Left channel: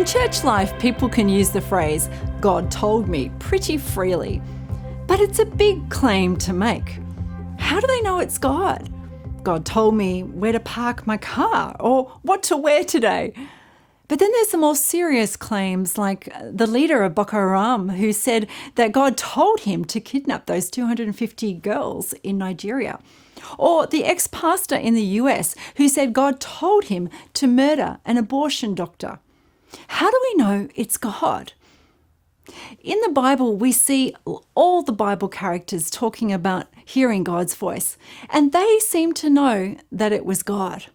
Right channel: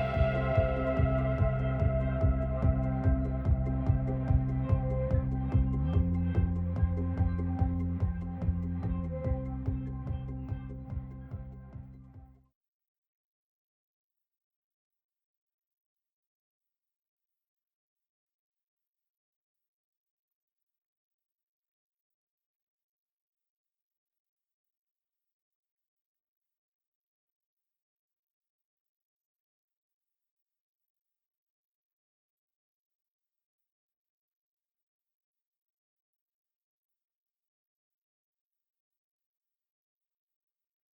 In church life, people can use the phrase, "God told me," pretty freely. But it's a big claim to make. How do they know it's God? God told me where to park my car or what to wear today. But then there's the more serious claims, like the leader of Boko Haram, who said that God told him to kidnap those 250 girls in Nigeria. Or the ex-pastor in the US who said God told him to murder an abortion doctor. How do we know it's God? In the Bible, we see all the Bible characters talking about hearing God's voice, and they seem to know that it was God.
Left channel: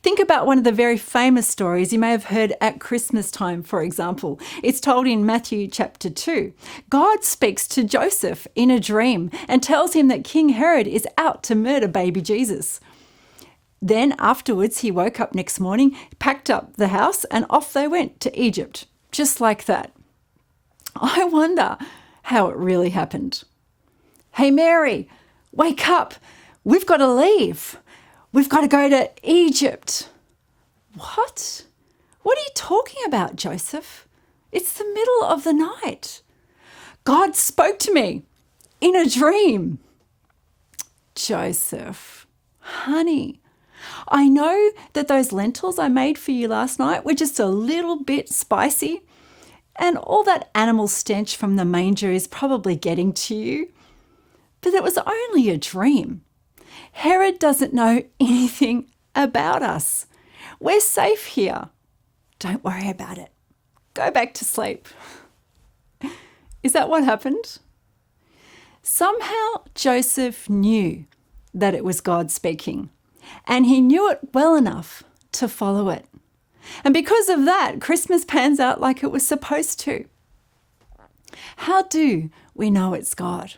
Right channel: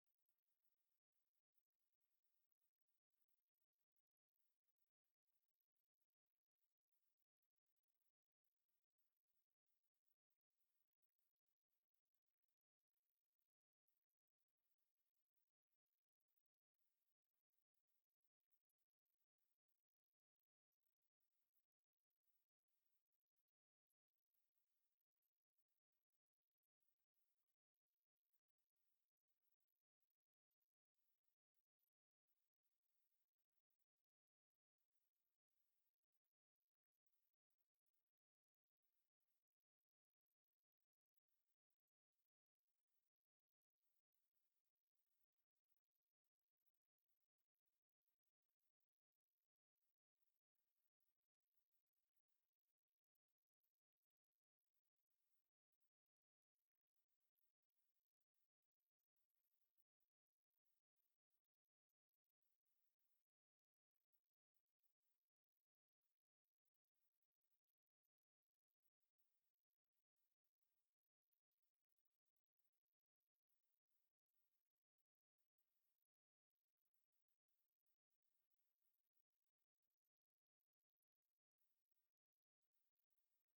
Think about one of the very famous stories you may have heard at Christmas time, for example. It's told in Matthew chapter 2. God speaks to Joseph in a dream and tells him that King Herod is out to murder baby Jesus. Then afterwards, he woke up next morning, packed up the house, and off they went to Egypt, just like that. I wonder how it really happened. Hey, Mary, wake up. We've got to leave. We've got to go to Egypt. What? What are you talking about, Joseph? It's the middle of the night. God spoke to me in a dream. Joseph, honey, I know that those lentils I made for you last night were just a little bit spicy, and all that animal stench from the manger is probably getting to you. But it was only a dream. Herod doesn't know anything about us. We're safe here. Don't worry about it. Go back to sleep. Is that what happened? Somehow Joseph knew that it was God speaking, and he knew it well enough to follow it. And because of that, Christmas pans out like it was supposed to. How do we know it's God?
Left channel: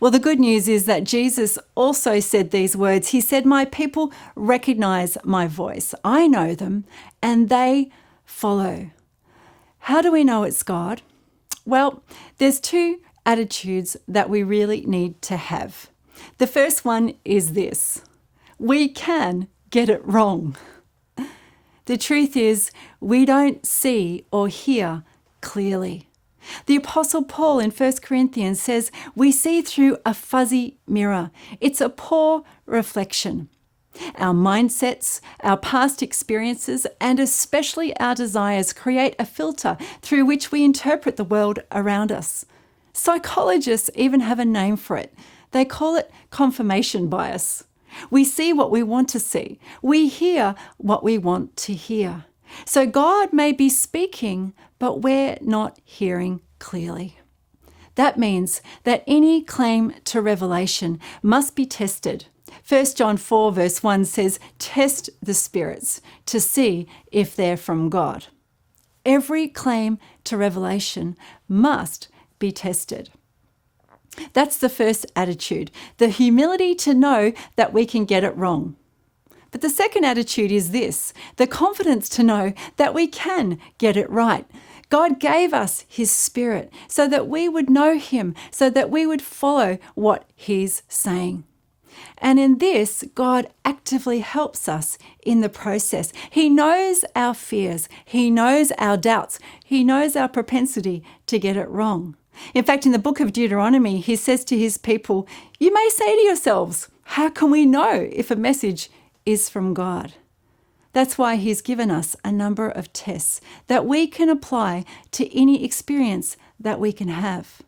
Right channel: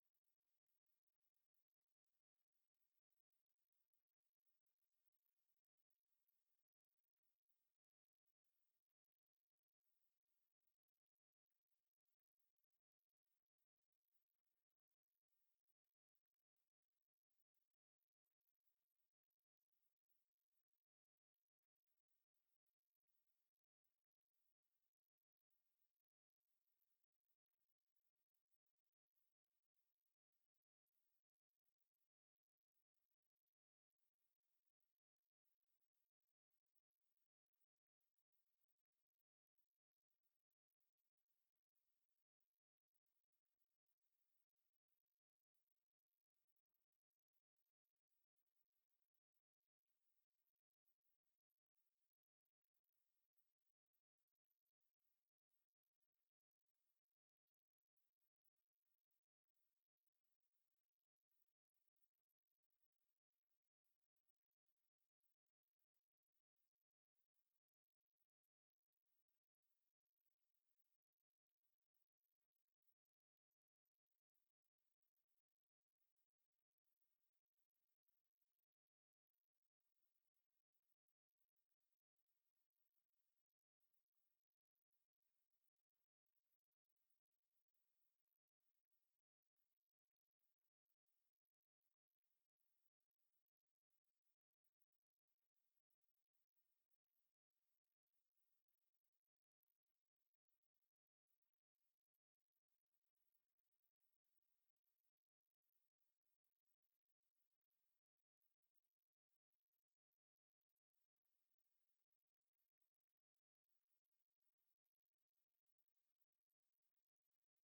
Well, the good news is that Jesus also said these words. He said, "My people recognize my voice. I know them and they follow." How do we know it's God? Well, there's two attitudes that we really need to have. The first one is this: we can get it wrong. The truth is, we don't see or hear clearly. The Apostle Paul in 1 Corinthians says, we see through a fuzzy mirror. It's a poor reflection. Our mindsets, our past experiences, and especially our desires create a filter through which we interpret the world around us. Psychologists even have a name for it. They call it confirmation bias. We see what we want to see. We hear what we want to hear. So God may be speaking, but we're not hearing clearly. That means that any claim to revelation must be tested. 1 John 4 verse 1 says, "Test the spirits to see if they're from God." Every claim to revelation must be tested. That's the first attitude, the humility to know that we can get it wrong. But the second attitude is this, the confidence to know that we can get it right. God gave us his Spirit so that we would know him, so that we would follow what he's saying. And in this, God actively helps us in the process. He knows our fears. He knows our doubts. He knows our propensity to get it wrong. In fact, in the book of Deuteronomy, he says to his people, "You may say to yourselves, how can we know if a message is from God?" That's why he's given us a number of tests that we can apply to any experience that we can have.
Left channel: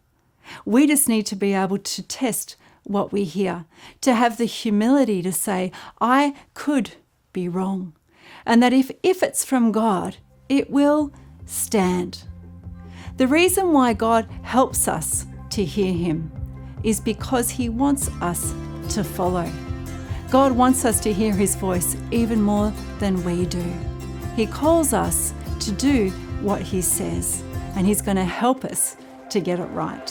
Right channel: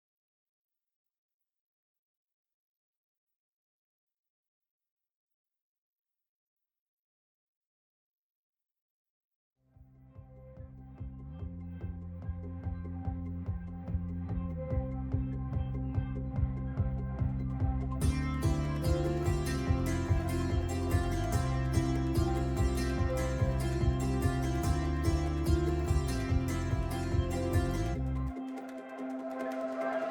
We just need to be able to test what we hear, to have the humility to say, I could be wrong, and that if it's from God, it will stand. The reason why God helps us to hear him is because he wants us to follow. God wants us to hear his voice even more than we do. He calls us to do what he says, and he's going to help us to get it right.